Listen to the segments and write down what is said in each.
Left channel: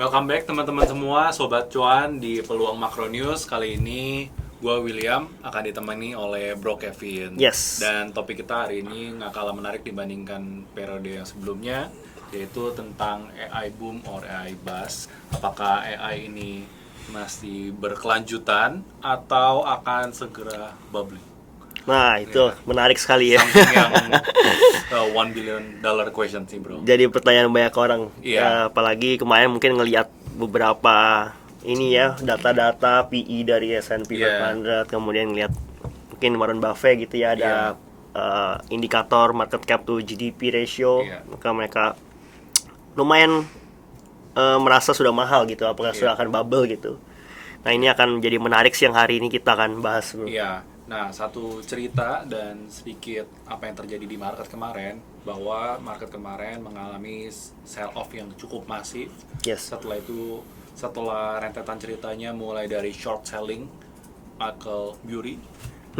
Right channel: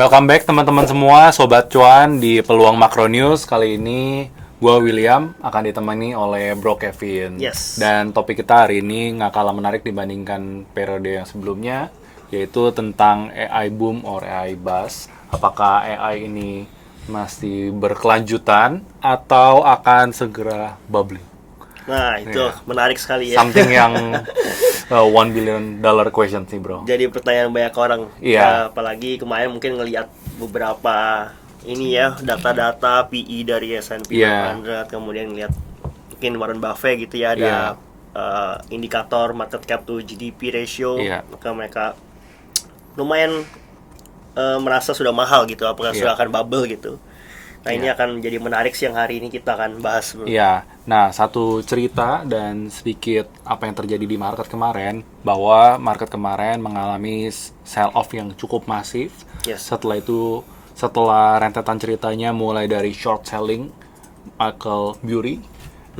Welcome back teman-teman semua, Sobat Cuan di Peluang Makro News. Kali ini gue William akan ditemani oleh Bro Kevin. Yes. Dan topik kita hari ini nggak kalah menarik dibandingkan periode yang sebelumnya, yaitu tentang AI boom or AI bust. Apakah AI ini masih berkelanjutan atau akan segera bubbling? Nah, itu menarik sekali ya. Something yang $1 billion question sih, bro. Jadi pertanyaan banyak orang. Iya. Apalagi kemarin mungkin ngelihat beberapa ini ya, data-data PE dari S&P 500, kemudian ngelihat mungkin Warren Buffett gitu ya, ada indikator market cap to GDP ratio, maka mereka lumayan merasa sudah mahal gitu, apakah sudah akan bubble gitu. Nah, ini akan menjadi menarik sih yang hari ini kita akan bahas. Iya. Nah, satu cerita dan sedikit apa yang terjadi di market kemarin, bahwa market kemarin mengalami sell-off yang cukup masif. Yes. Setelah rentetan ceritanya mulai dari short selling Michael Burry,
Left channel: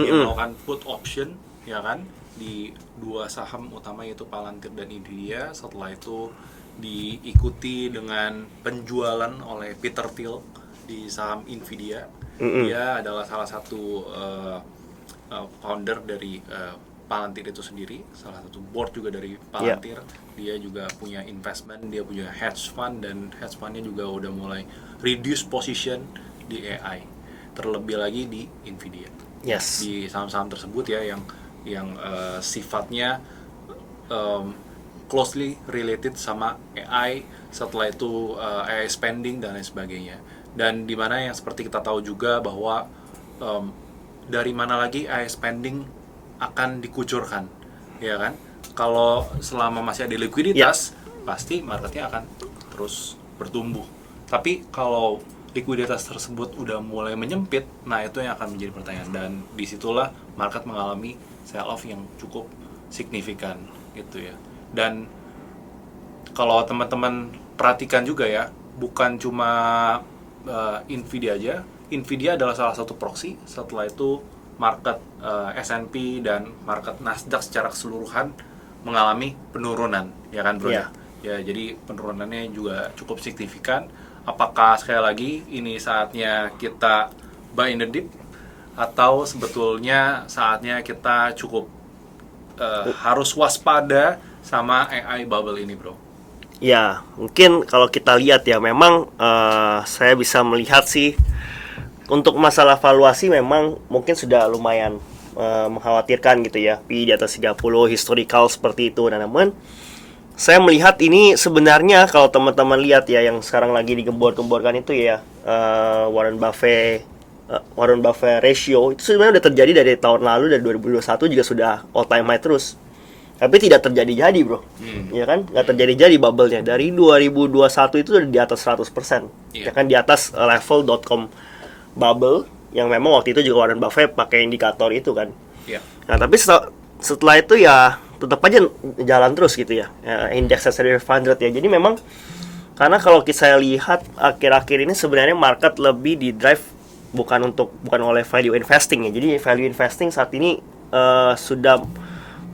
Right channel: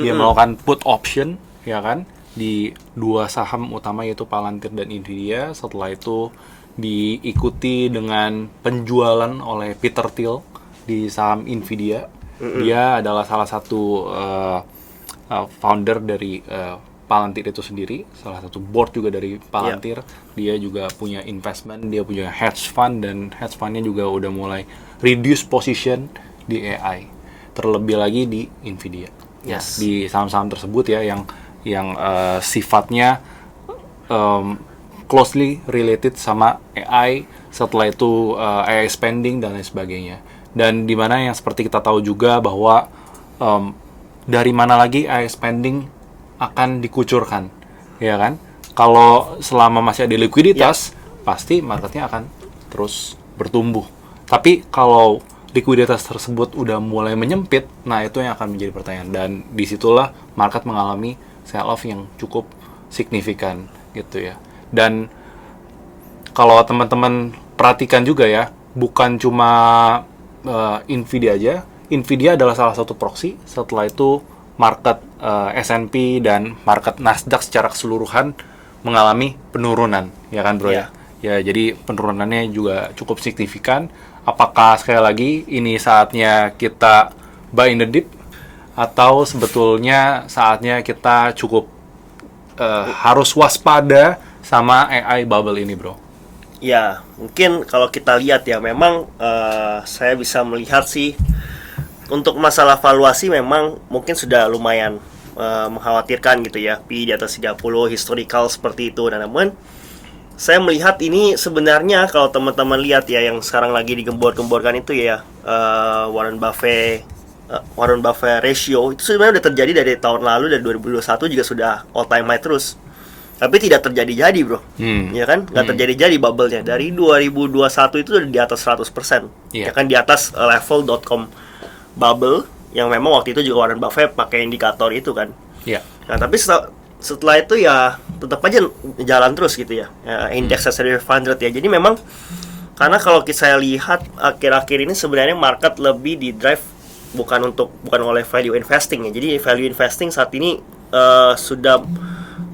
dia melakukan put option, ya kan, di dua saham utama yaitu Palantir dan Nvidia. Setelah itu diikuti dengan penjualan oleh Peter Thiel di saham Nvidia. Dia adalah salah satu founder dari Palantir itu sendiri, salah satu board juga dari Palantir. Dia juga punya investment, dia punya hedge fund, dan hedge fundnya juga udah mulai reduce position di AI, terlebih lagi di Nvidia. Yes. Di saham-saham tersebut ya yang sifatnya closely related sama AI. Setelah itu AI spending dan lain sebagainya. Dan di mana yang seperti kita tahu juga bahwa dari mana lagi AI spending akan dikucurkan, ya kan? Kalau selama masih ada likuiditas, pasti marketnya akan terus bertumbuh. Tapi kalau likuiditas tersebut udah mulai menyempit, nah itu yang akan menjadi pertanyaan. Dan disitulah market mengalami sell-off yang cukup signifikan gitu ya. Dan kalau teman-teman perhatikan juga ya, bukan cuma Nvidia aja. Nvidia adalah salah satu proxy. Setelah itu market S&P dan market Nasdaq secara keseluruhan mengalami penurunan, ya kan bro? Ya, jadi penurunannya juga cukup signifikan. Apakah sekali lagi ini saatnya kita buy in the dip, atau sebetulnya saatnya kita cukup harus waspada sama AI bubble ini, bro? Ya, mungkin kalau kita lihat ya, memang saya bisa melihat sih untuk masalah valuasi memang mungkin sudah lumayan mengkhawatirkan gitu ya, PI di atas 30, historical seperti itu. Dan namun saya melihat ini sebenarnya kalau teman-teman lihat ya, yang sekarang lagi digembor-gemborkan itu ya, Warren Buffett ratio itu sebenarnya udah terjadi dari tahun lalu, dari 2021 juga sudah all time high terus. Tapi tidak terjadi-jadi bro, ya kan? Nggak terjadi-jadi bubble-nya. Dari 2021 itu udah di atas 100%, ya kan? Di atas level .com bubble, yang memang waktu itu juga Warren Buffett pakai indikator itu kan. Nah, tapi setelah itu ya tetap aja jalan terus gitu ya, Index S&P 500 ya. Jadi memang, karena kalau saya lihat akhir-akhir ini sebenarnya market lebih di drive bukan oleh value investing ya. Jadi value investing saat ini sudah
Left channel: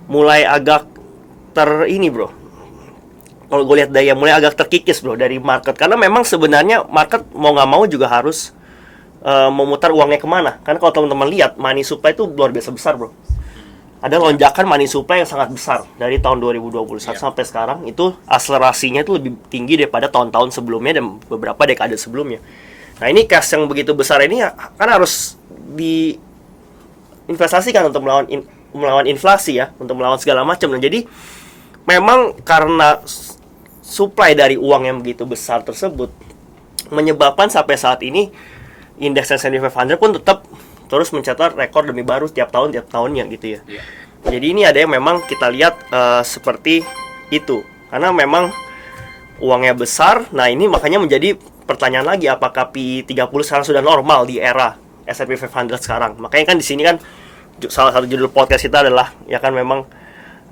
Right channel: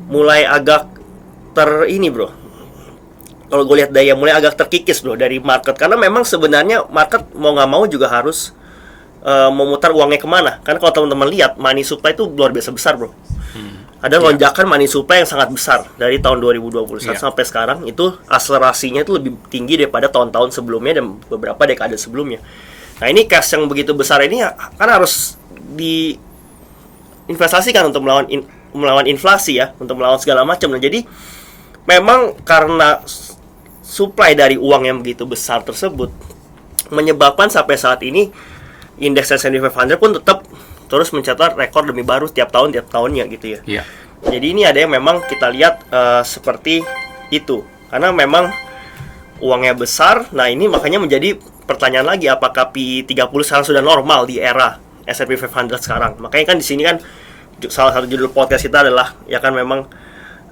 mulai agak ini bro, kalau gue lihat daya mulai agak terkikis bro dari market, karena memang sebenarnya market mau nggak mau juga harus memutar uangnya kemana. Karena kalau teman-teman lihat, money supply itu luar biasa besar bro. Ada lonjakan money supply yang sangat besar dari tahun 2021 sampai sekarang. Itu akselerasinya itu lebih tinggi daripada tahun-tahun sebelumnya dan beberapa dekade sebelumnya. Nah, ini cash yang begitu besar ini kan harus diinvestasikan untuk melawan inflasi ya, untuk melawan segala macam. Dan jadi memang karena supply dari uang yang begitu besar tersebut menyebabkan sampai saat ini indeks S&P 500 pun tetap terus mencatat rekor demi baru tiap tahunnya gitu ya. Jadi ini ada yang memang kita lihat seperti itu, karena memang uangnya besar. Nah, ini makanya menjadi pertanyaan lagi, apakah P30 sekarang sudah normal di era S&P 500 sekarang. Makanya kan di sini kan salah satu judul podcast kita adalah ya kan, memang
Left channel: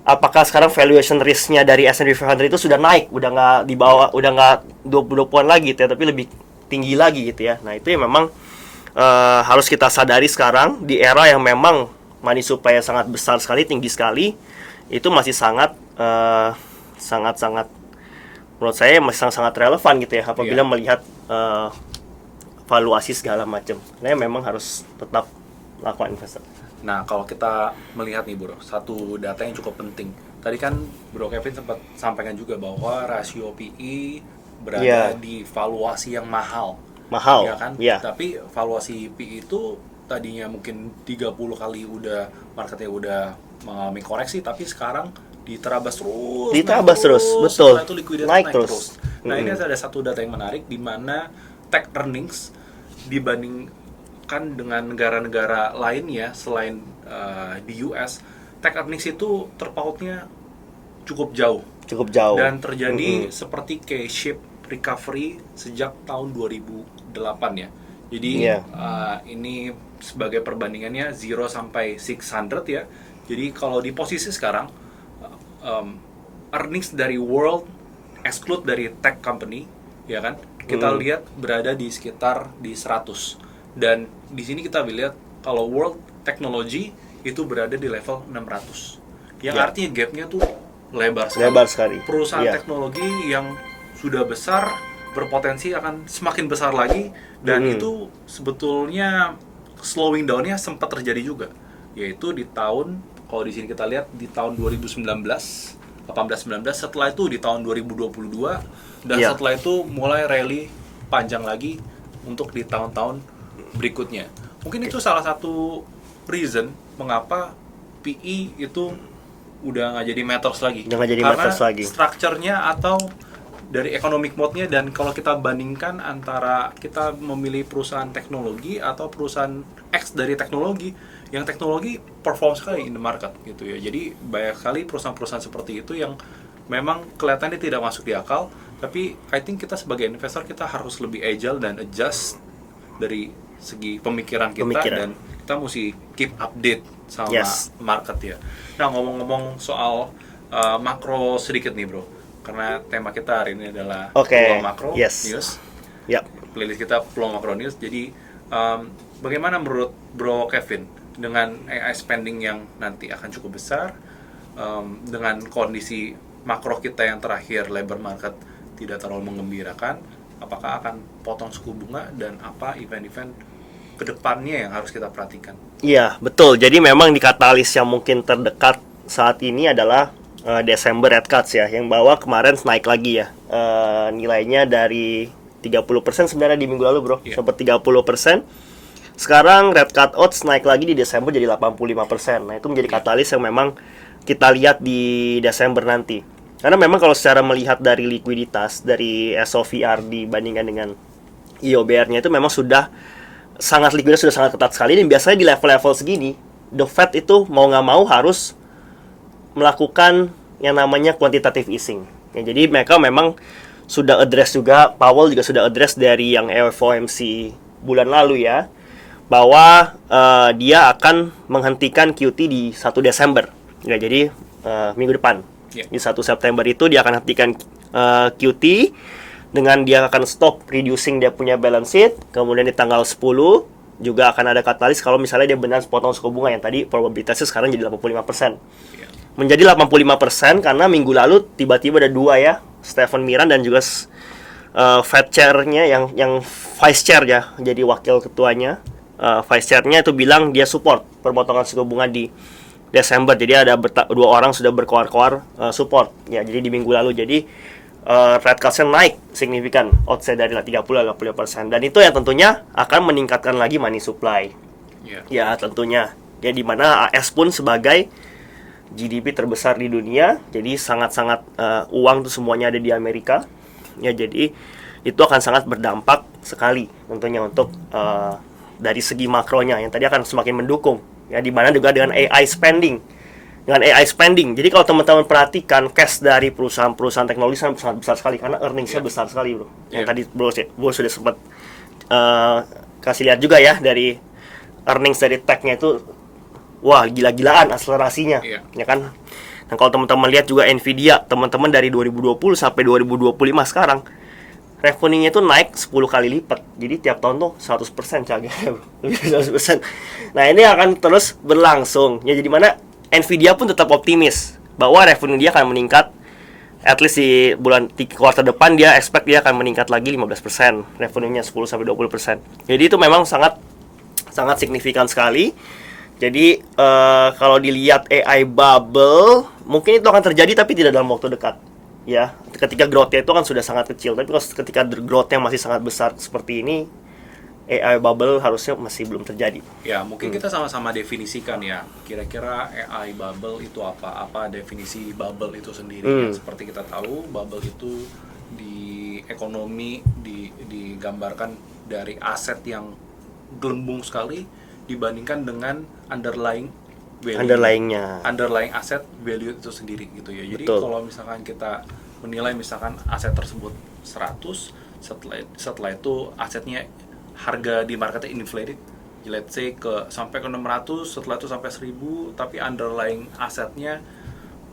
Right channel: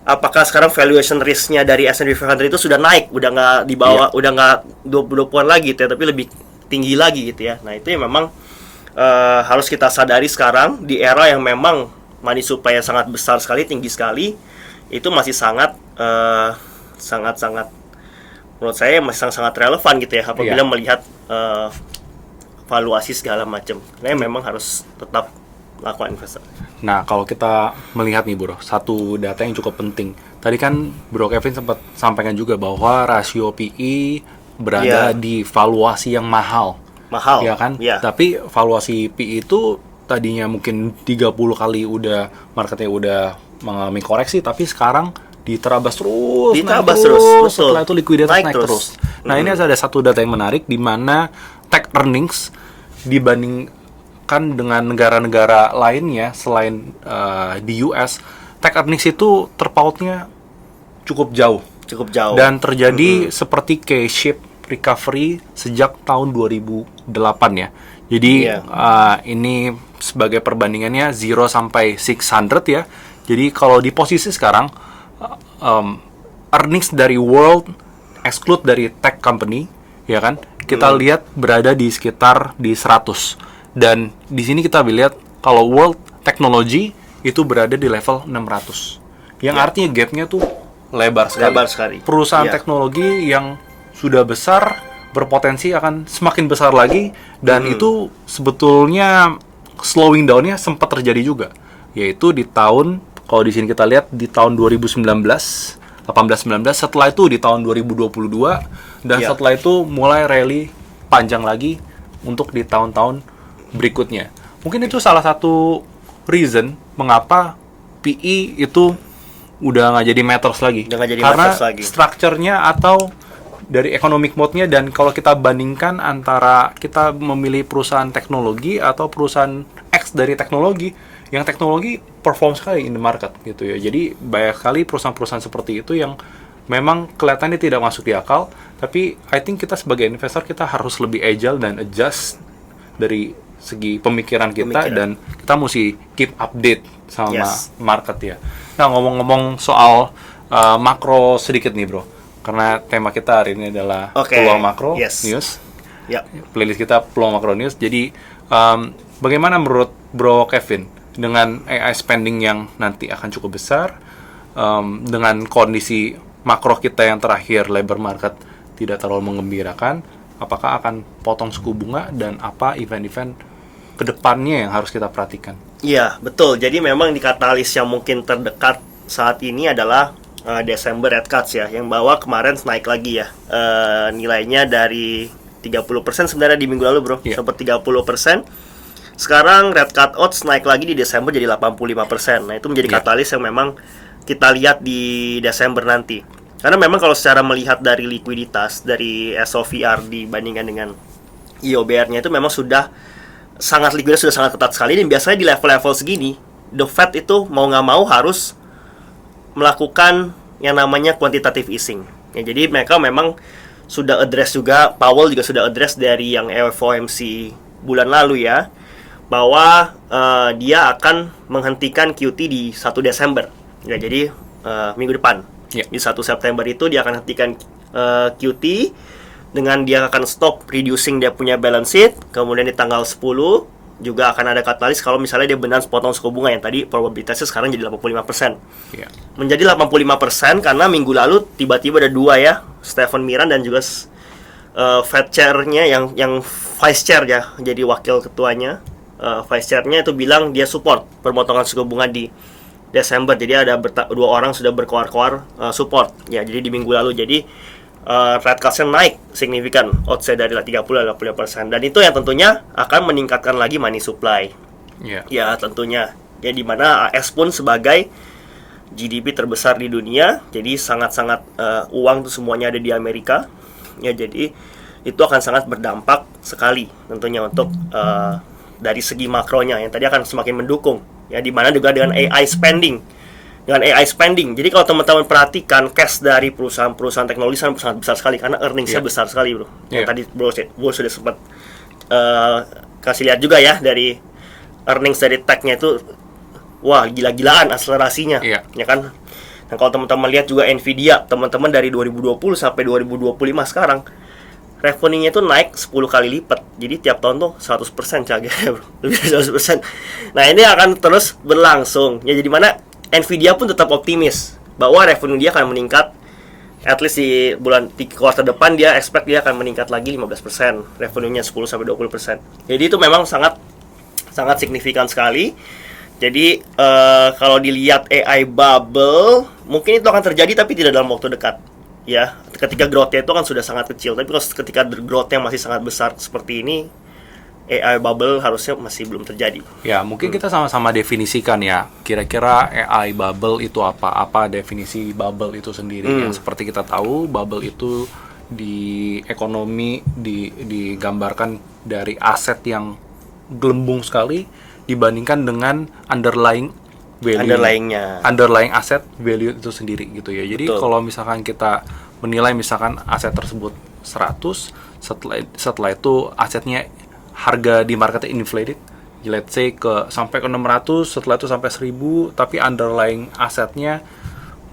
apakah sekarang valuation risk-nya dari S&P 500 itu sudah naik, udah nggak di bawah, udah nggak 20-20-an lagi gitu ya, tapi lebih tinggi lagi gitu ya. Nah, itu yang memang harus kita sadari sekarang di era yang memang money supply yang sangat besar sekali, tinggi sekali, itu masih sangat menurut saya masih sangat relevan gitu ya apabila Iya. melihat valuasi segala macam. Nah, memang harus tetap lakukan investasi. Nah, kalau kita melihat nih bro, satu data yang cukup penting. Tadi kan Bro Kevin sempat sampaikan juga bahwa rasio PE berada Iya. di valuasi yang mahal. Mahal. Ya kan? Iya. Tapi valuasi PE itu tadinya mungkin 30 kali udah marketnya udah mengalami koreksi, tapi sekarang diterabas terus, Diterabas naik terus, betul. setelah itu likuiditas Naik naik, terus. terus. Nah, ini ada satu data yang menarik di mana tech earnings dibandingkan dengan negara-negara lainnya selain di US, tech earnings itu terpautnya cukup jauh. Cukup jauh. Dan terjadi seperti K-shape recovery sejak tahun 2008 ya. Jadi Iya. ini sebagai perbandingannya 0 sampai 600 ya. Jadi kalau di posisi sekarang earnings dari world exclude dari tech company ya kan. Kita lihat berada di sekitar di 100. Dan di sini kita lihat kalau world technology itu berada di level 600. Yang artinya gapnya tuh lebar sekali. Lebar sekali. Perusahaan Iya. teknologi yang sudah besar berpotensi akan semakin besar lagi dan itu sebetulnya slowing down-nya sempat terjadi juga, yaitu di tahun, kalau di sini kita lihat di tahun 2019, 18-19, setelah itu di tahun 2022 dan Iya. setelah itu mulai rally panjang lagi untuk di tahun-tahun berikutnya. Mungkin itu salah satu reason mengapa PE itu udah nggak jadi matters lagi. Udah nggak jadi Karena matters lagi. structure-nya atau dari economic mode-nya, dan kalau kita bandingkan antara kita memilih perusahaan teknologi atau perusahaan X dari teknologi, yang teknologi perform sekali in the market gitu ya. Jadi banyak sekali perusahaan-perusahaan seperti itu yang memang kelihatannya tidak masuk di akal, tapi I think kita sebagai investor kita harus lebih agile dan adjust dari segi pemikiran kita dan kita mesti keep update sama Yes. market ya. Nah, ngomong-ngomong soal makro sedikit nih bro, karena tema kita hari ini adalah Oke. peluang makro Yes. news. Ya. Playlist kita peluang makro news. Jadi bagaimana menurut Bro Kevin dengan AI spending yang nanti akan cukup besar, dengan kondisi makro kita yang terakhir labor market tidak terlalu menggembirakan, apakah akan potong suku bunga dan apa event-event kedepannya yang harus kita perhatikan? Iya, betul. Jadi memang di katalis yang mungkin terdekat saat ini adalah Desember rate cuts ya, yang bahwa kemarin naik lagi ya. Nilainya dari 30% sebenarnya di minggu lalu, bro. Iya. Sempat 30%. Sekarang rate cut odds naik lagi di Desember jadi 85%. Nah, itu menjadi Iya. katalis yang memang kita lihat di Desember nanti. Karena memang kalau secara melihat dari likuiditas, dari SOVR dibandingkan dengan IOBR-nya itu memang sudah sangat likuiditas, sudah sangat ketat sekali. Dan biasanya di level-level segini, the Fed itu mau nggak mau harus melakukan yang namanya quantitative easing. Ya, jadi mereka memang sudah address juga, Powell juga sudah address dari yang FOMC bulan lalu ya, bahwa dia akan menghentikan QT di 1 Desember. Ya, jadi minggu depan. Ya. Di 1 September itu dia akan hentikan QT dengan dia akan stop reducing dia punya balance sheet. Kemudian di tanggal 10 juga akan ada katalis kalau misalnya dia benar potong suku bunga yang tadi probabilitasnya sekarang jadi 85%. Iya. Menjadi 85% karena minggu lalu tiba-tiba ada dua ya, Stephen Miran dan juga Fed Chair-nya yang Vice Chair ya, jadi wakil ketuanya. Vice Chair-nya itu bilang dia support pemotongan suku bunga di Desember. Jadi ada dua orang sudah berkoar-koar support ya. Jadi di minggu lalu jadi rate cuts-nya naik signifikan, odds-nya dari 30-50%, dan itu yang tentunya akan meningkatkan lagi money supply. Iya. Ya tentunya ya, dimana AS pun sebagai GDP terbesar di dunia, jadi sangat-sangat uang tuh semuanya ada di Amerika ya, jadi itu akan sangat berdampak sekali tentunya untuk dari segi makronya yang tadi akan semakin mendukung ya, dimana juga dengan AI spending. Jadi kalau teman-teman perhatikan cash dari perusahaan-perusahaan teknologi sangat besar sekali karena earnings-nya Iya. besar sekali, bro. Yang Iya. tadi bro sudah sempat kasih lihat juga ya, dari earnings dari tech-nya itu wah gila-gilaan akselerasinya. Iya. Ya kan? Dan kalau teman-teman lihat juga Nvidia, teman-teman dari 2020 sampai 2025 sekarang revenue-nya itu naik 10 kali lipat. Jadi tiap tahun tuh 100% cager, bro. Lebih dari 100%. Nah, ini akan terus berlangsung. Ya, jadi mana Nvidia pun tetap optimis bahwa revenue dia akan meningkat at least di kuartal depan dia expect dia akan meningkat lagi 15%, revenue-nya 10-20%. Jadi itu memang sangat signifikan sekali. Jadi kalau dilihat AI bubble, mungkin itu akan terjadi tapi tidak dalam waktu dekat. Ya, ketika growth-nya itu kan sudah sangat kecil, tapi kalau ketika growth-nya masih sangat besar seperti ini, AI bubble harusnya masih belum terjadi. Ya, mungkin kita sama-sama definisikan ya. Kira-kira AI bubble itu apa? Apa definisi bubble itu sendiri? Yang seperti kita tahu, bubble itu di ekonomi digambarkan dari aset yang gelembung sekali dibandingkan dengan underlying value. Underlying aset value itu sendiri gitu ya. Jadi kalau misalkan kita menilai misalkan aset tersebut 100, setelah itu asetnya harga di marketnya inflated, let's say sampai ke 600, setelah itu sampai 1000, tapi underlying asetnya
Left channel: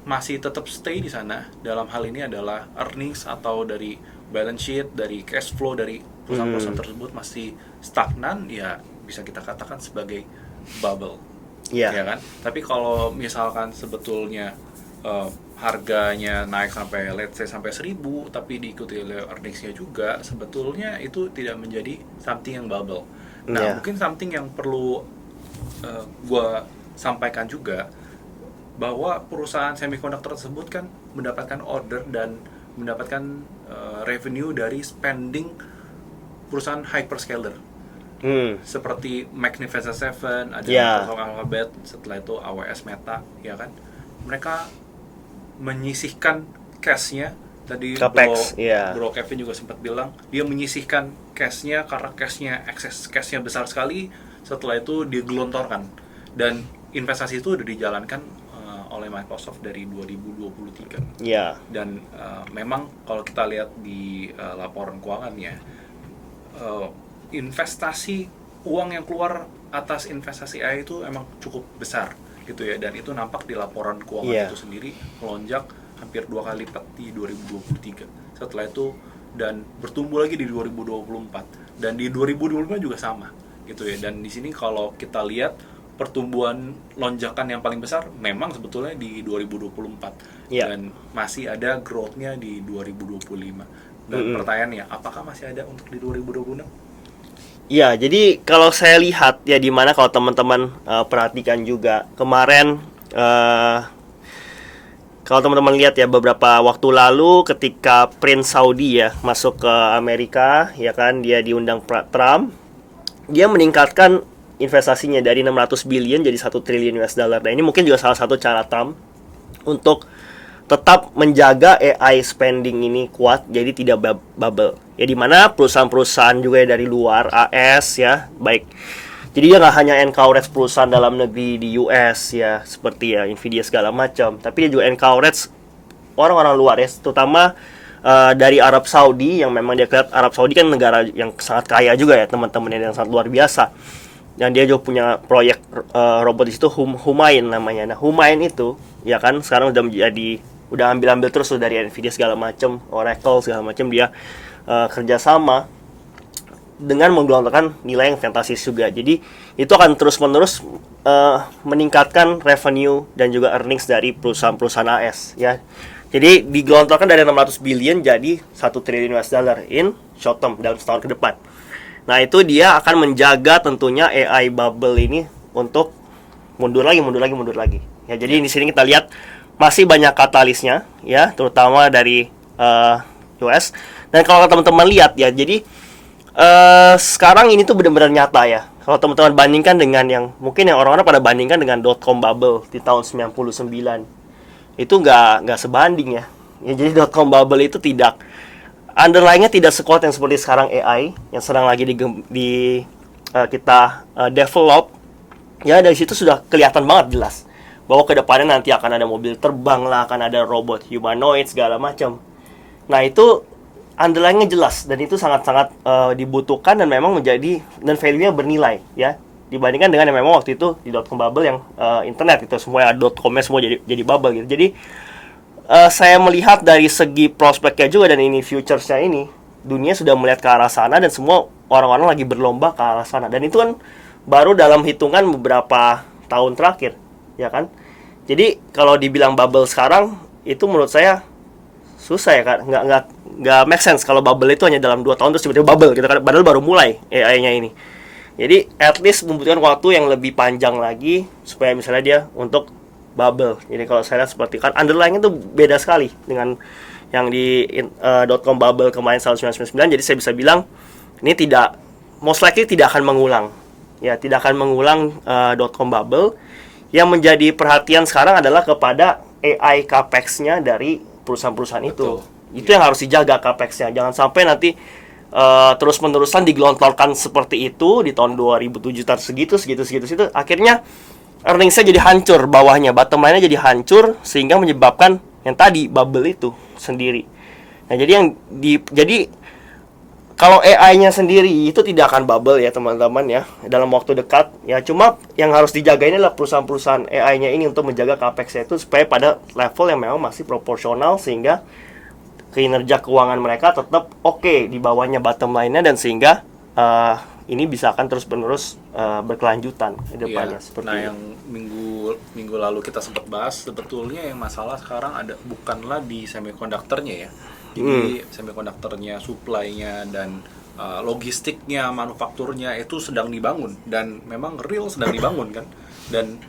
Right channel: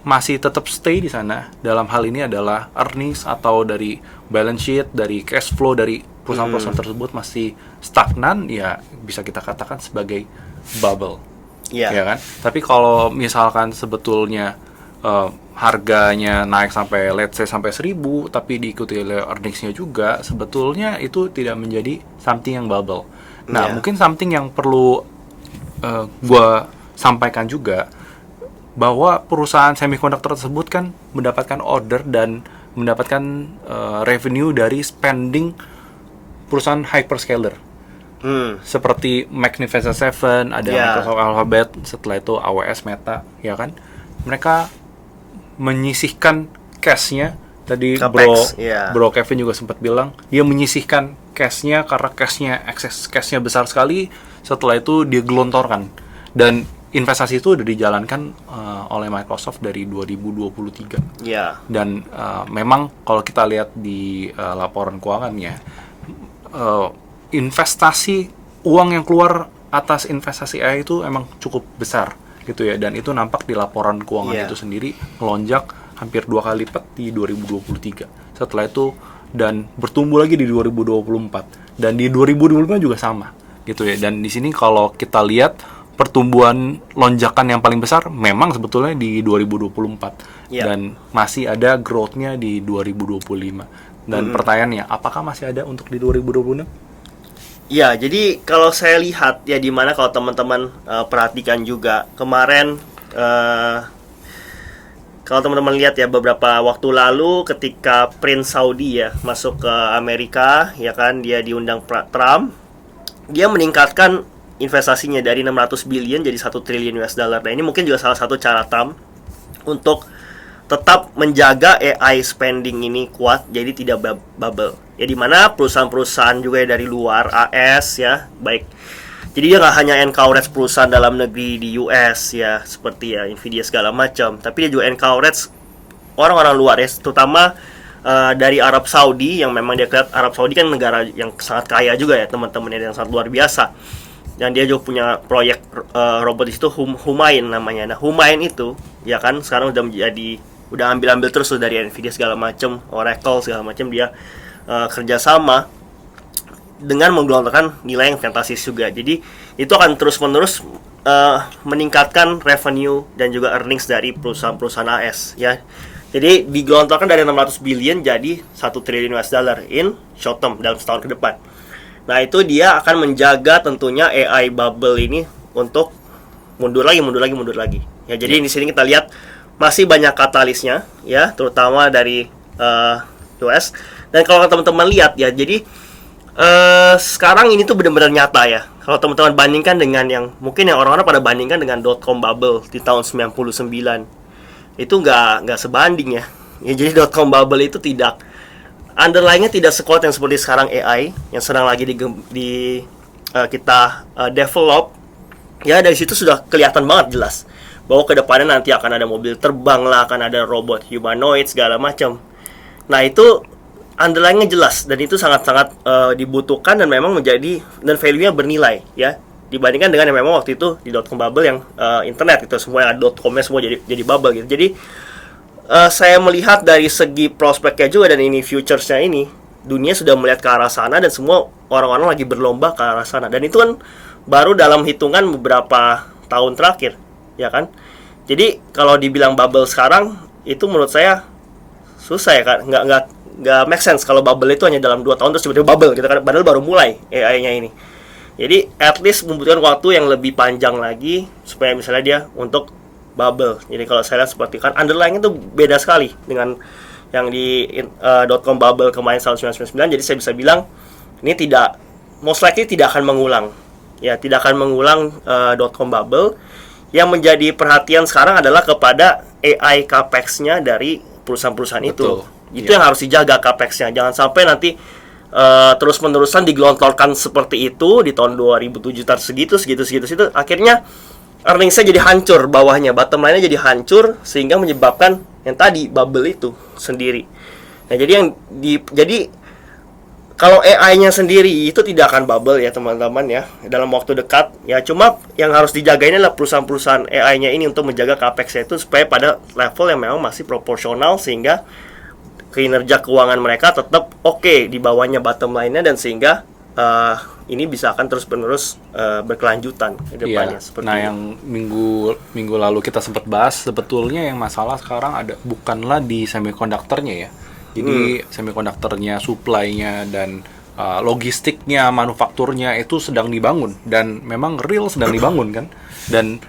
masih tetap stay di sana. Dalam hal ini adalah earnings atau dari balance sheet, dari cash flow dari perusahaan-perusahaan tersebut masih stagnan, ya bisa kita katakan sebagai bubble. Ya kan? Tapi kalau misalkan sebetulnya harganya naik sampai let's say sampai 1000 tapi diikuti oleh earnings-nya juga, sebetulnya itu tidak menjadi something yang bubble. Nah, mungkin something yang perlu gua sampaikan juga bahwa perusahaan semiconductor tersebut kan mendapatkan order dan mendapatkan revenue dari spending perusahaan hyperscaler. Seperti Magnificent Seven, ada Microsoft Alphabet, setelah itu AWS, Meta, ya kan? Mereka menyisihkan cash-nya. Tadi Bro Kevin juga sempat bilang dia menyisihkan cash-nya karena excess cash-nya besar sekali. Setelah itu dia gelontorkan, dan investasi itu udah dijalankan oleh Microsoft dari 2023. Dan memang kalau kita lihat di laporan keuangannya, investasi uang yang keluar atas investasi AI itu emang cukup besar gitu ya, dan itu nampak di laporan keuangan itu sendiri melonjak hampir 2 kali lipat di 2023. Setelah itu dan bertumbuh lagi di 2024, dan di 2025 juga sama gitu ya. Dan di sini kalau kita lihat pertumbuhan lonjakan yang paling besar memang sebetulnya di 2024 dan masih ada growth-nya di 2025. Dan pertanyaannya, apakah masih ada untuk di 2026? Ya, jadi kalau saya lihat ya, di mana kalau teman-teman perhatikan juga kemarin, kalau teman-teman lihat ya beberapa waktu lalu ketika Prince Saudi ya masuk ke Amerika, ya kan, dia diundang Trump, dia meningkatkan investasinya dari 600 billion jadi 1 triliun US dollar. Nah, ini mungkin juga salah satu cara Trump untuk tetap menjaga AI spending ini kuat, jadi tidak bubble. Ya, di mana perusahaan-perusahaan juga dari luar AS ya, baik. Jadi dia nggak hanya encourage perusahaan dalam negeri di US ya, seperti ya Nvidia segala macam, tapi dia juga encourage orang-orang luar ya, terutama dari Arab Saudi, yang memang dia lihat Arab Saudi kan negara yang sangat kaya juga ya teman-temannya, yang sangat luar biasa. Dan dia juga punya proyek robot di situ, Humain namanya. Nah, Humain itu ya kan sekarang udah ambil terus dari Nvidia segala macam, Oracle segala macam, dia kerjasama dengan menggelontorkan nilai yang fantastis juga. Jadi itu akan terus-menerus meningkatkan revenue dan juga earnings dari perusahaan-perusahaan AS ya. Jadi digelontorkan dari 600 billion jadi 1 triliun US dollar in short term dalam setahun ke depan. Nah, itu dia akan menjaga tentunya AI bubble ini untuk mundur lagi. Ya, jadi di sini kita lihat masih banyak katalisnya ya, terutama dari US. Dan kalau teman-teman lihat ya, jadi sekarang ini tuh benar-benar nyata ya. Kalau teman-teman bandingkan dengan yang mungkin yang orang-orang pada bandingkan dengan .com bubble di tahun 99, itu nggak sebanding ya. Jadi .com bubble itu tidak, underlying-nya tidak sekuat yang seperti sekarang AI yang sedang lagi kita develop. Ya, dari situ sudah kelihatan banget jelas bahwa kedepannya nanti akan ada mobil terbang lah, akan ada robot humanoid segala macam. Nah, itu underlying-nya jelas, dan itu sangat-sangat dibutuhkan dan memang menjadi, dan value-nya bernilai ya, dibandingkan dengan yang memang waktu itu di .com bubble yang internet itu semua yang .com-nya semua jadi bubble gitu. Jadi saya melihat dari segi prospeknya juga, dan ini futures-nya ini, dunia sudah melihat ke arah sana dan semua orang-orang lagi berlomba ke arah sana, dan itu kan baru dalam hitungan beberapa tahun terakhir ya kan. Jadi kalau dibilang bubble sekarang, itu menurut saya susah ya kan, nggak make sense kalau bubble itu hanya dalam 2 tahun terus tiba-tiba bubble gitu kan, padahal baru mulai AI-nya ini. Jadi at least membutuhkan waktu yang lebih panjang lagi supaya misalnya dia untuk bubble. Jadi kalau saya lihat seperti kan underlying itu beda sekali dengan yang di .com bubble kemarin tahun 1999. Jadi saya bisa bilang ini tidak, most likely tidak akan mengulang. Ya, tidak akan mengulang .com bubble. Yang menjadi perhatian sekarang adalah kepada AI capex-nya dari perusahaan-perusahaan itu. Itu yang harus dijaga capex-nya. Jangan sampai nanti terus-menerusan digelontorkan seperti itu di tahun 2007 segitu, akhirnya earnings-nya jadi hancur bawahnya, bottom line-nya jadi hancur sehingga menyebabkan yang tadi bubble itu sendiri. Nah, jadi kalau AI-nya sendiri itu tidak akan bubble ya teman-teman ya dalam waktu dekat ya, cuma yang harus dijaga ini adalah perusahaan-perusahaan AI-nya ini untuk menjaga capex itu supaya pada level yang memang masih proporsional sehingga kinerja keuangan mereka tetap oke di bawahnya bottom line-nya, dan sehingga ini bisa akan terus-menerus berkelanjutan di depannya. Nah, yang minggu lalu kita sempat bahas, sebetulnya yang masalah sekarang ada bukanlah di semikonduktornya ya. Jadi semikonduktornya, supply-nya, dan logistiknya, manufakturnya itu sedang dibangun, dan memang real sedang dibangun kan, dan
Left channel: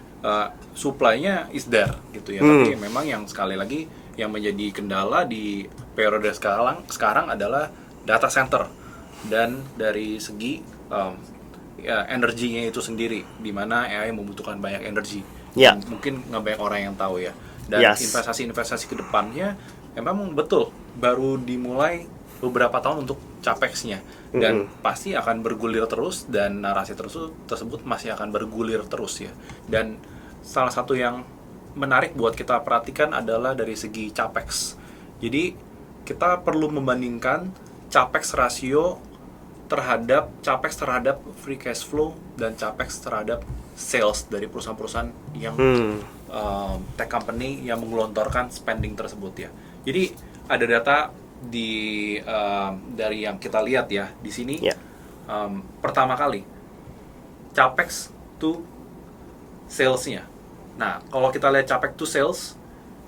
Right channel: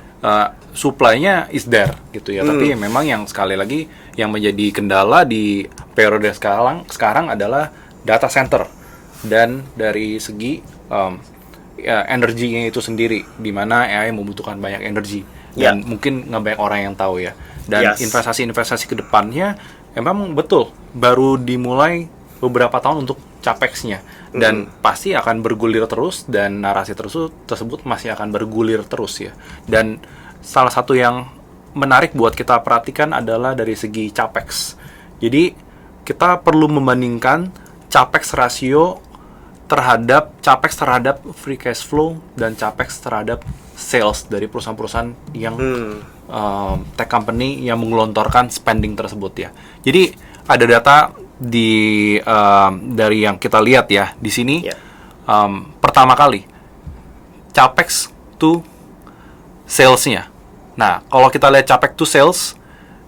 supply-nya is there gitu ya. Tapi memang yang sekali lagi yang menjadi kendala di periode sekarang adalah data center, dan dari segi energinya itu sendiri, di mana AI membutuhkan banyak energi, dan mungkin nggak banyak orang yang tahu ya. Dan investasi-investasi ke depannya memang betul baru dimulai beberapa tahun untuk capex-nya, dan pasti akan bergulir terus, dan narasi tersebut masih akan bergulir terus ya. Dan salah satu yang menarik buat kita perhatikan adalah dari segi capex. Jadi kita perlu membandingkan capex rasio terhadap free cash flow dan capex terhadap sales dari perusahaan-perusahaan yang tech company yang menggelontorkan spending tersebut ya. Jadi ada data dari yang kita lihat ya di sini. Pertama kali capex to sales-nya. Nah, kalau kita lihat capex to sales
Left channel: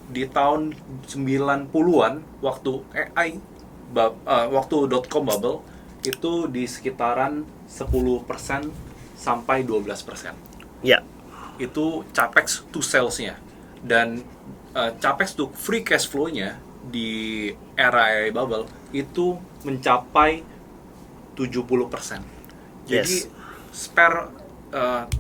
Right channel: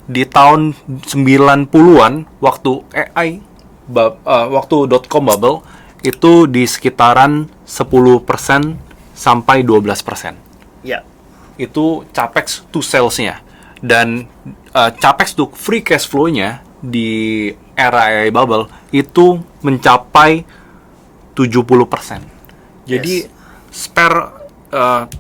di tahun 90-an waktu waktu .com bubble itu di sekitaran 10% sampai 12%. Ya. Itu capex to sales-nya. Dan capex to free cash flow-nya di era AI bubble itu mencapai 70%. Jadi spare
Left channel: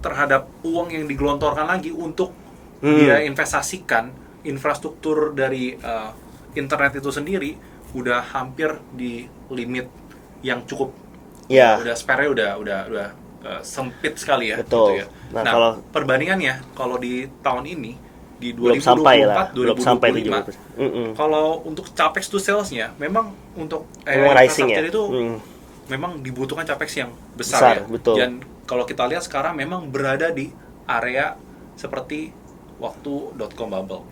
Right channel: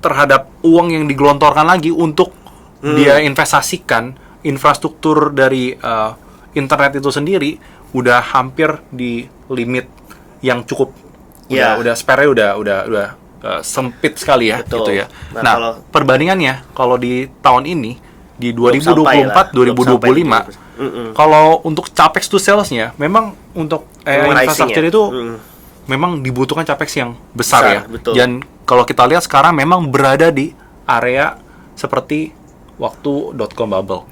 terhadap uang yang digelontorkan lagi untuk dia investasikan infrastruktur dari internet itu sendiri udah hampir di limit yang cukup. Udah spare-nya udah sempit sekali ya. Betul. Gitu ya. Nah, perbandingannya kalau di tahun ini di 2024 2025 kalau untuk capex to sales-nya memang untuk infrastruktur itu memang dibutuhkan capex yang besar ya. Betul. Dan kalau kita lihat sekarang memang berada di area seperti waktu .com bubble.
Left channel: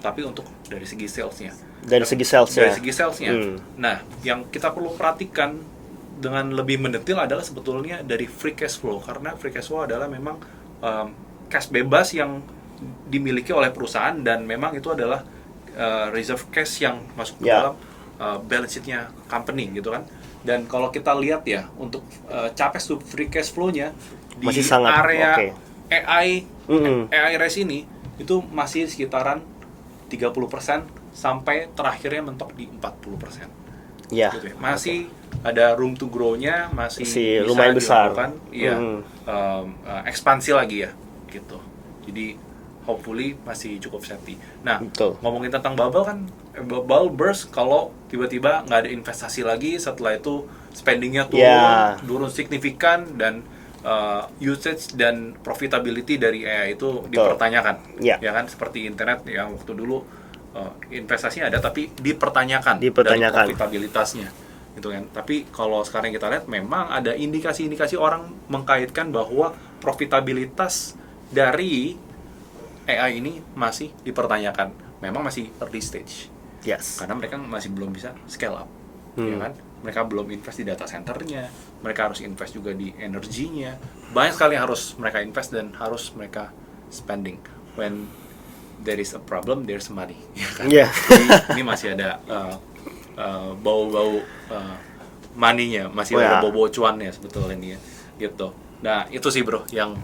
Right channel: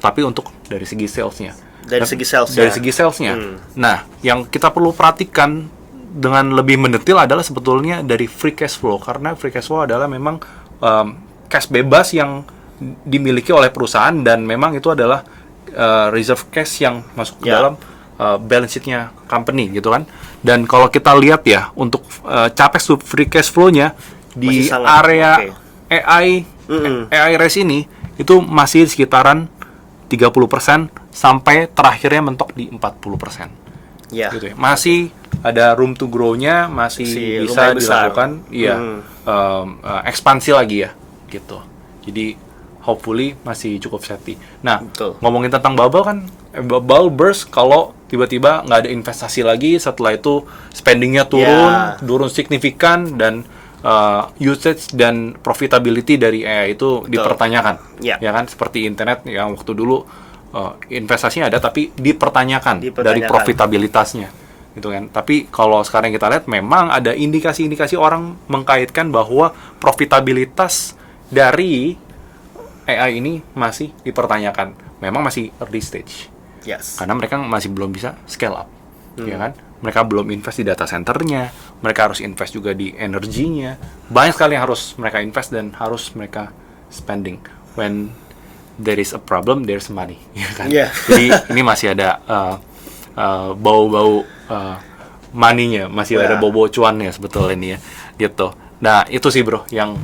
Tapi untuk dari segi sales-nya. Dari segi salesnya. Nah, yang kita perlu perhatikan dengan lebih mendetail adalah sebetulnya dari free cash flow, karena free cash flow adalah memang cash bebas yang dimiliki oleh perusahaan, dan memang itu adalah reserve cash yang masuk ke dalam balance sheet-nya company gitu kan. Dan kalau kita lihat ya untuk capex to free cash flow-nya di area AI race ini itu masih sekitaran 30% sampai terakhirnya mentok di 40%. Gitu ya. Masih ada room to grow-nya, masih bisa dilakukan ekspansi lagi ya gitu. Jadi hopefully masih cukup safety. Nah, ngomongin tentang bubble kan, bubble burst kalau tiba-tiba nggak ada investasi lagi, setelah itu spendingnya turun signifikan, dan usage dan profitability dari AI itu dipertanyakan. Ya kan, seperti internet yang waktu dulu investasinya ada tapi dipertanyakan dari profitabilitasnya gitu kan. Tapi kalau sekarang kita lihat memang ada indikasi-indikasi orang mengkaitkan bahwa profitabilitas dari AI ini masih dipertanyakan. Memang masih early stage. Karena mereka masih belum bisa scale up. Ya kan? Mereka belum invest di data centernya, mereka harus invest juga di energinya. Banyak sekali yang harus mereka invest dan harus mereka spending. When there is a problem, there's money, ya kan? Iya. Jadi ini masih ada bau-bau money-nya, masih ada bau-bau cuannya sebetulnya ini ya, gitu. Nah itu sih bro yang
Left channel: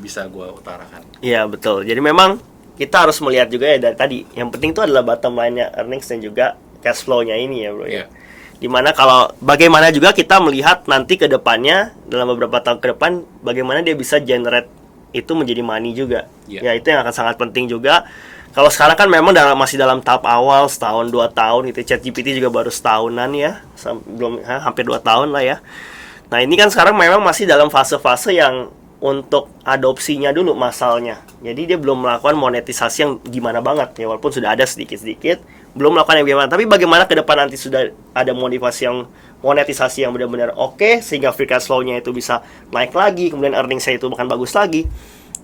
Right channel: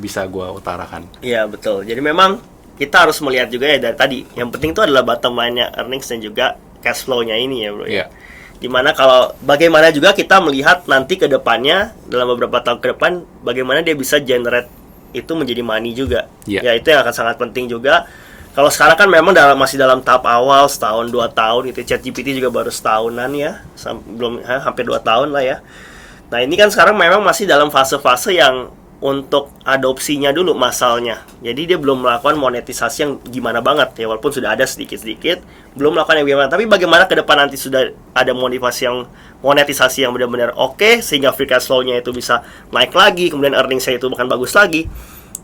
bisa gue utarakan. Iya betul. Jadi memang kita harus melihat juga ya dari tadi. Yang penting itu adalah bottom line-nya earnings dan juga cash flow-nya ini ya bro. Iya. Dimana kalau bagaimana juga kita melihat nanti ke depannya dalam beberapa tahun ke depan bagaimana dia bisa generate itu menjadi money juga. Yeah. Ya itu yang akan sangat penting juga. Kalau sekarang kan memang masih dalam tahap awal, setahun 2 tahun gitu. ChatGPT juga baru setahunan ya, belum hampir 2 tahun lah ya. Nah ini kan sekarang memang masih dalam fase-fase yang untuk adopsinya dulu masalnya. Jadi dia belum melakukan monetisasi yang gimana banget ya, walaupun sudah ada sedikit-sedikit, belum melakukan yang gimana. Tapi bagaimana ke depan nanti sudah ada monetisasi yang benar-benar oke, sehingga free cash flow-nya itu bisa naik lagi, kemudian earnings-nya itu bahkan bagus lagi.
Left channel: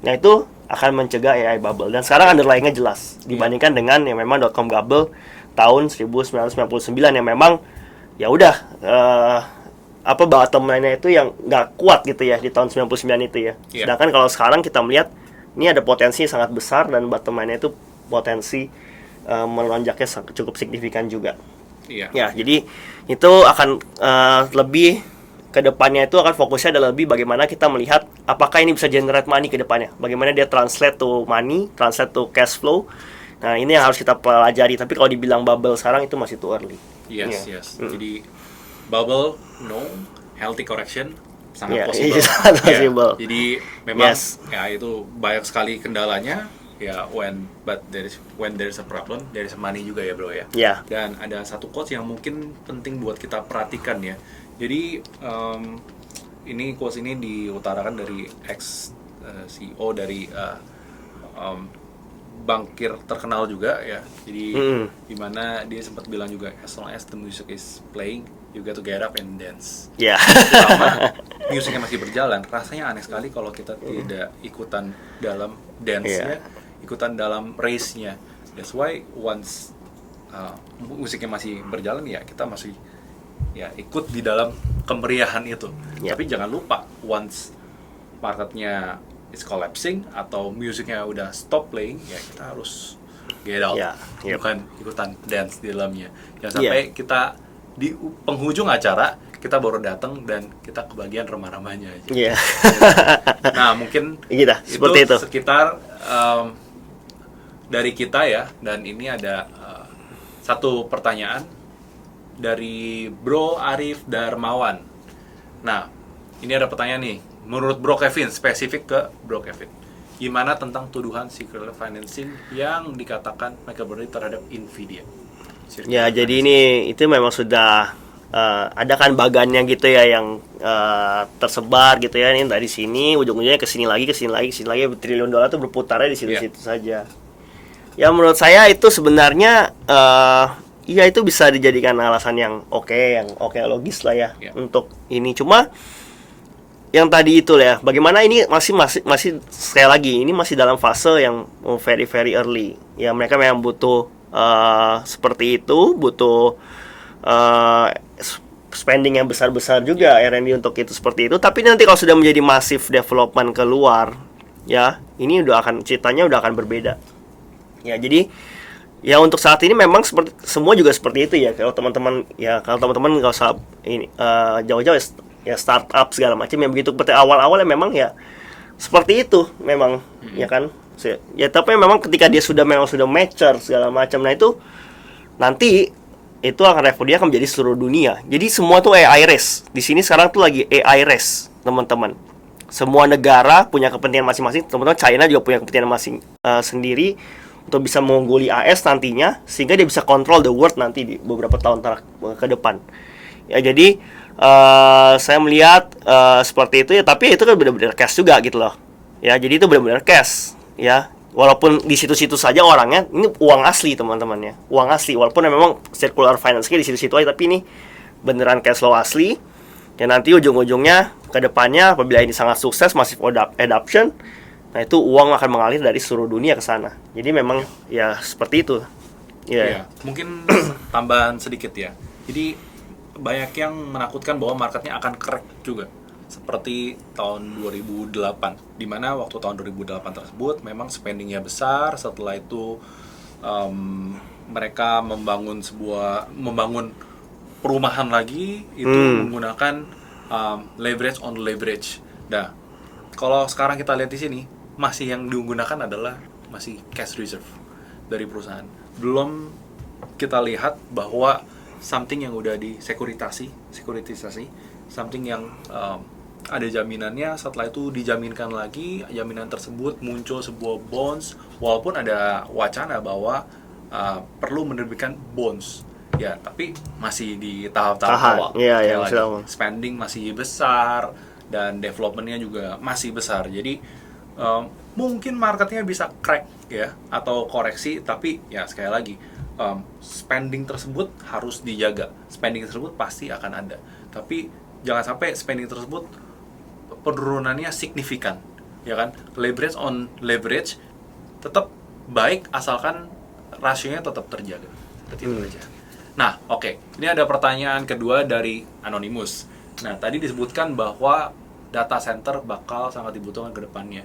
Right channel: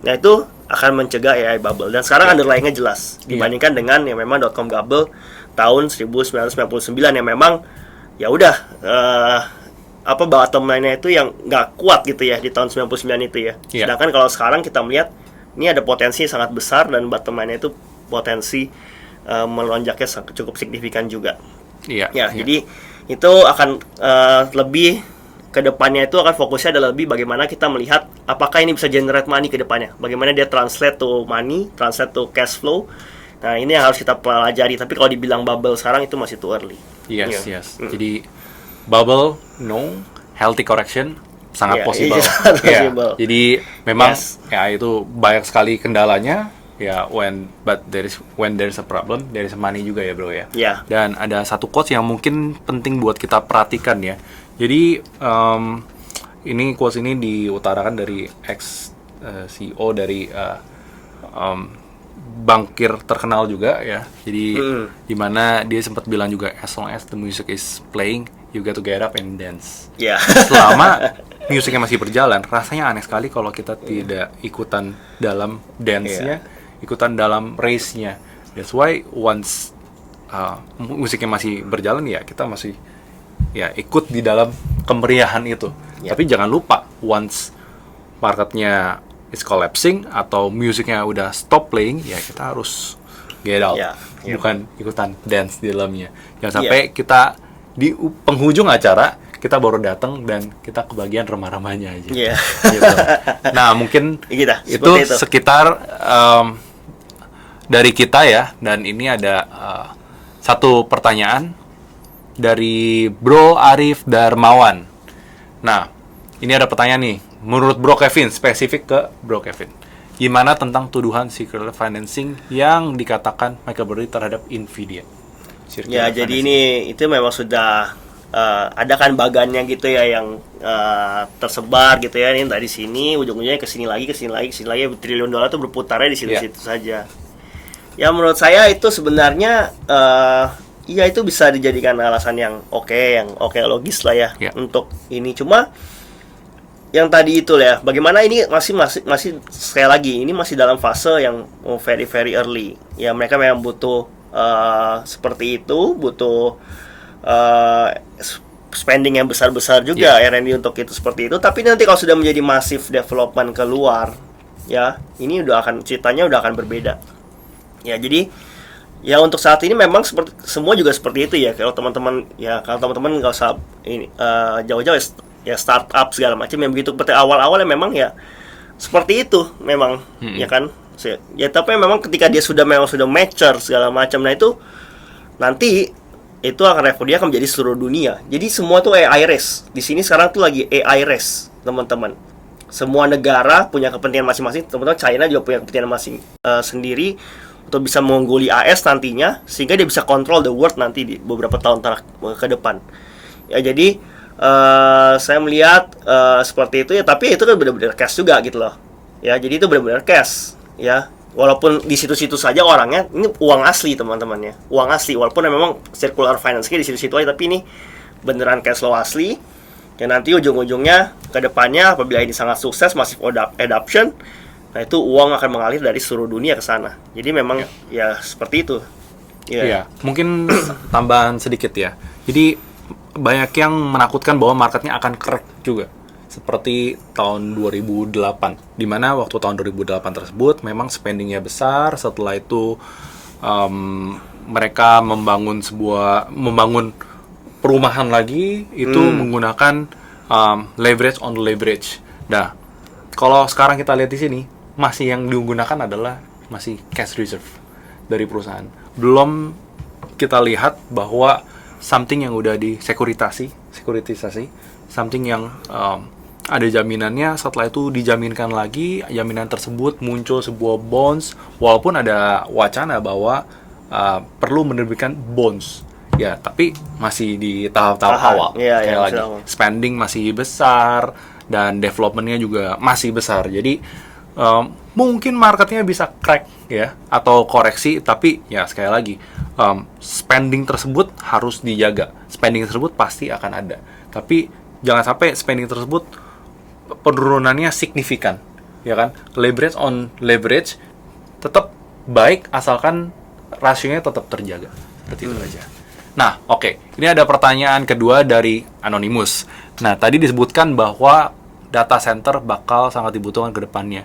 Nah itu akan mencegah AI bubble. Dan sekarang underlying-nya jelas dibandingkan dengan yang memang .com bubble tahun 1999 yang memang ya udah bottom line-nya itu yang nggak kuat gitu ya di tahun 99 itu ya. Yeah. Sedangkan kalau sekarang kita melihat ini ada potensi sangat besar dan bottom line-nya itu potensi melonjaknya cukup signifikan juga. Iya. Ya, jadi itu akan lebih ke depannya itu akan fokusnya adalah lebih bagaimana kita melihat apakah ini bisa generate money ke depannya. Bagaimana dia translate to money, translate to cash flow. Nah, ini yang harus kita pelajari. Tapi kalau dibilang bubble sekarang itu masih too early. Yes. Jadi bubble, no. Healthy correction, sangat possible. Yeah. Jadi memang ya itu banyak sekali kendalanya. Ya, when there is a problem, there is money juga ya bro ya. Yeah. Dan ada satu quotes yang mungkin penting buat kita perhatikan ya. Jadi ini quotes ini diutarakan dari ex CEO dari bankir terkenal juga ya. Jadi dimana dia sempat bilang juga, as long as the music is playing, you got to get up and dance. Yeah. Selama musiknya masih berjalan, rasanya aneh sekali kalau kita tidak ikutan dalam dance-nya, ikutan dalam race-nya. That's why once musiknya masih berjalan ya kita masih ya ikut di dalam kemeriahan itu. Tapi jangan lupa once marketnya is collapsing atau musiknya udah stop playing, ya kita harus get out, bukan ikutan dance di dalamnya. Jangan sampai kita di penghujung acara kita baru datang dan kita kebagian remah-remahnya aja. Gitu. Nah mungkin itu sekitar dari kita ya. Dan ini ada satu pertanyaan dari Bro Arif Darmawan. Nah ini ada pertanyaan nih. Menurut Bro Kevin, spesifik ke Bro Kevin, gimana tentang tuduhan secret financing yang dikatakan Michael Burry terhadap Nvidia? Ya, jadi ini itu memang sudah ada kan bagannya gitu ya yang tersebar gitu ya, ini dari sini ujung-ujungnya ke sini lagi triliun dolar itu berputarnya di situ-situ saja. Ya menurut saya itu sebenarnya ya itu bisa dijadikan alasan yang oke logis lah ya untuk ini. Cuma yang tadi itu ya, bagaimana ini masih sekali lagi ini masih dalam fase yang very very early. Ya mereka memang butuh seperti itu, butuh spending yang besar-besar juga R&D untuk itu seperti itu. Tapi nanti kalau sudah menjadi massive development keluar, ya ini ceritanya udah akan berbeda. Ya jadi ya untuk saat ini memang semua juga seperti itu ya. Kalau teman-teman nggak usah ini jauh-jauh ya startup segala macam yang begitu seperti awal-awalnya memang ya seperti itu memang ya kan. Ya tapi memang ketika dia sudah mature segala macam, nah itu nanti itu dia akan menjadi seluruh dunia. Jadi semua tuh AI race. Di sini sekarang tuh lagi AI race, teman-teman. Semua negara punya kepentingan masing-masing. Teman-teman, China juga punya kepentingan sendiri untuk bisa mengungguli AS nantinya, sehingga dia bisa control the world nanti di beberapa tahun ke depan. Ya jadi saya melihat seperti itu ya, tapi itu kan benar-benar cash juga gitu loh. Ya, jadi itu benar-benar cash. Ya, walaupun di situ-situ saja orangnya ini uang asli teman-teman ya, uang asli walaupun memang circular finance-nya di situ-situ aja, tapi ini beneran cash flow asli. Dan nanti ujung-ujungnya ke depannya apabila ini sangat sukses massive adoption, nah itu uang akan mengalir dari seluruh dunia ke sana. Jadi memang ya seperti itu. Ya, mungkin tambahan sedikit ya. Jadi banyak yang menakutkan bahwa marketnya akan crack juga seperti tahun 2008, di mana waktu tahun 2008 tersebut memang spendingnya besar. Setelah itu mereka membangun perumahan lagi itu menggunakan leverage on leverage. Nah, kalau sekarang kita lihat di sini masih yang digunakan adalah masih cash reserve dari perusahaan. Belum kita lihat bahwa something yang udah sekuritisasi, something yang ada jaminannya. Setelah itu dijaminkan lagi, jaminan tersebut muncul sebuah bonds, walaupun ada wacana bahwa perlu menerbitkan bonds. Ya, tapi masih di tahap-tahap awal. Sekali lagi, spending masih besar dan development-nya juga masih besar. Jadi mungkin marketnya bisa crack ya atau koreksi, tapi ya sekali lagi spending tersebut harus dijaga. Spending tersebut pasti akan ada. Tapi jangan sampai spending tersebut penurunannya signifikan, ya kan? Leverage on leverage tetap baik asalkan rasionya tetap terjaga. Seperti itu aja. Nah, oke. Ini ada pertanyaan kedua dari Anonymous. Nah, tadi disebutkan bahwa data center bakal sangat dibutuhkan ke depannya.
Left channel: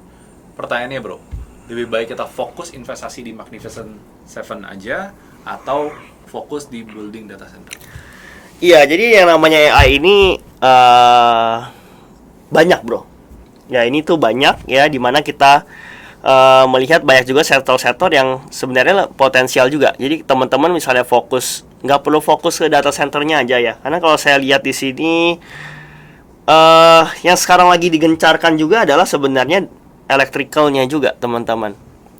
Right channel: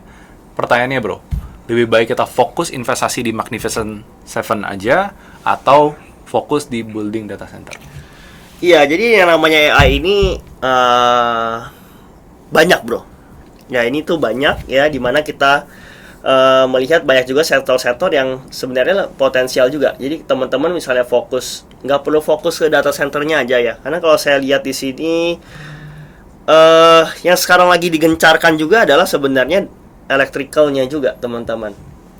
Pertanyaannya, bro, lebih baik kita fokus investasi di Magnificent Seven aja atau fokus di building data center? Iya, jadi yang namanya AI ini banyak, bro. Ya, ini tuh banyak ya, dimana kita melihat banyak juga sektor-sektor yang sebenarnya potensial juga. Jadi teman-teman misalnya fokus, nggak perlu fokus ke data centernya aja ya. Karena kalau saya lihat di sini, yang sekarang lagi digencarkan juga adalah sebenarnya electricalnya juga, teman-teman.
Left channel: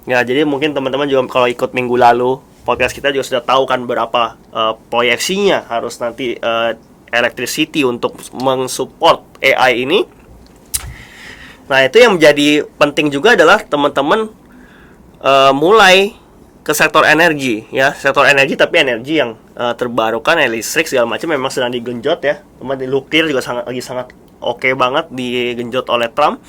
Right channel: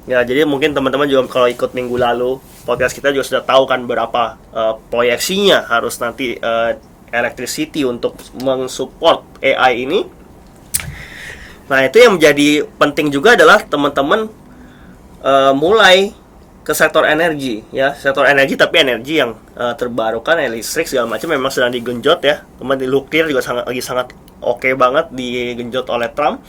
Ya, jadi mungkin teman-teman juga kalau ikut minggu lalu podcast kita juga sudah tahu kan berapa proyeksinya harus nanti electricity untuk mensupport AI ini. Nah, itu yang menjadi penting juga adalah teman-teman mulai ke sektor energi ya, sektor energi, tapi energi yang terbarukan, listrik segala macam memang sedang digenjot ya. Teman di nuklir juga sangat oke banget digenjot oleh Trump.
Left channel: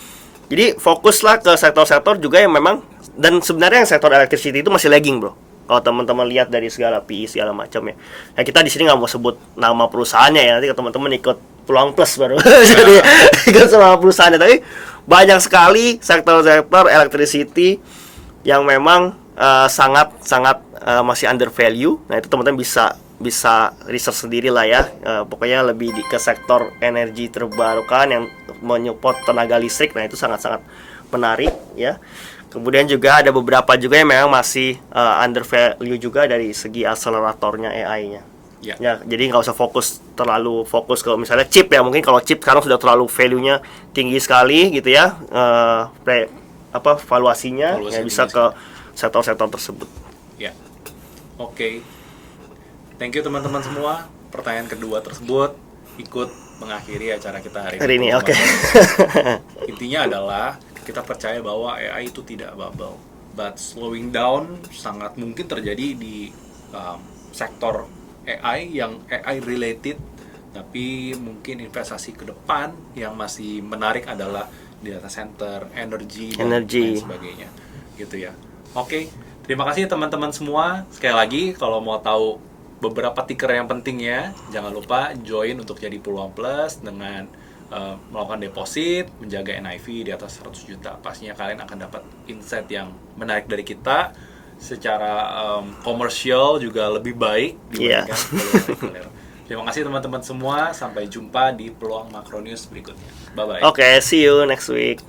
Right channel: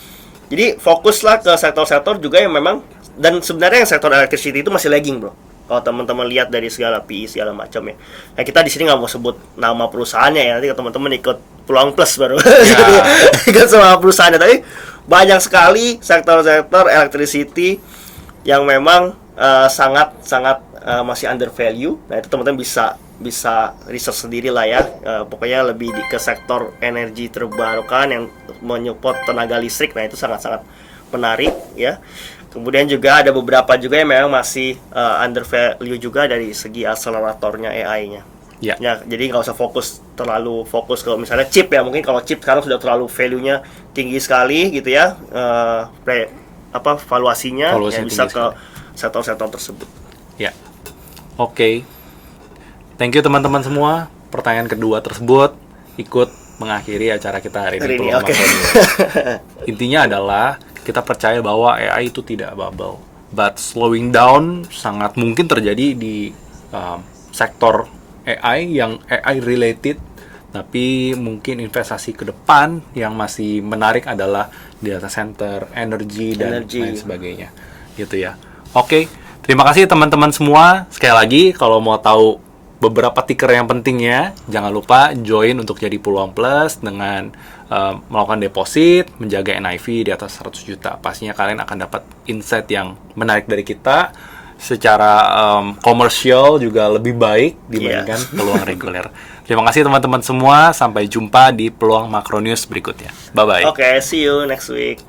Jadi fokuslah ke sektor-sektor juga yang memang, dan sebenarnya yang sektor electricity itu masih lagging, bro. Kalau teman-teman lihat dari segala PI segala macam ya. Nah, kita di sini nggak mau sebut nama perusahaannya ya, nanti teman-teman ikut Peluang Plus baru. Jadi ikut sama perusahaannya, tapi banyak sekali sektor-sektor electricity yang memang sangat masih under value. Nah, itu teman-teman bisa riset sendiri lah ya. Pokoknya lebih ke sektor energi terbarukan yang menyupport tenaga listrik. Nah, itu sangat-sangat menarik ya. Kemudian juga ada beberapa juga yang memang masih under value juga dari segi akseleratornya AI-nya. Ya, jadi nggak usah terlalu fokus ke misalnya chip ya. Mungkin kalau chip sekarang sudah terlalu value-nya tinggi sekali gitu ya. Valuasinya yang bisa ke sektor-sektor tersebut. Ya. Oke. Thank you teman-teman semua. Pertanyaan kedua tersebut ikut mengakhiri acara kita hari ini. Okay. Intinya adalah kita percaya bahwa AI itu tidak bubble, but slowing down sangat mungkin terjadi di sektor AI yang AI related, tapi mungkin investasi ke depan yang masih menarik adalah data center, energi dan lain sebagainya, gitu ya. Oke, terima kasih teman-teman semua. Sekali lagi, kalau mau tahu beberapa ticker yang pentingnya, jangan lupa join untuk jadi Peluang Plus dengan melakukan deposit, menjaga NIV di atas 100 juta. Pastinya kalian akan dapat insight yang menarik dari kita. Secara komersial juga lebih baik dibandingkan peluang reguler. Terima kasih teman-teman semua. Sampai jumpa di Peluang Makro News berikutnya. Bye-bye. Okay, see you next week.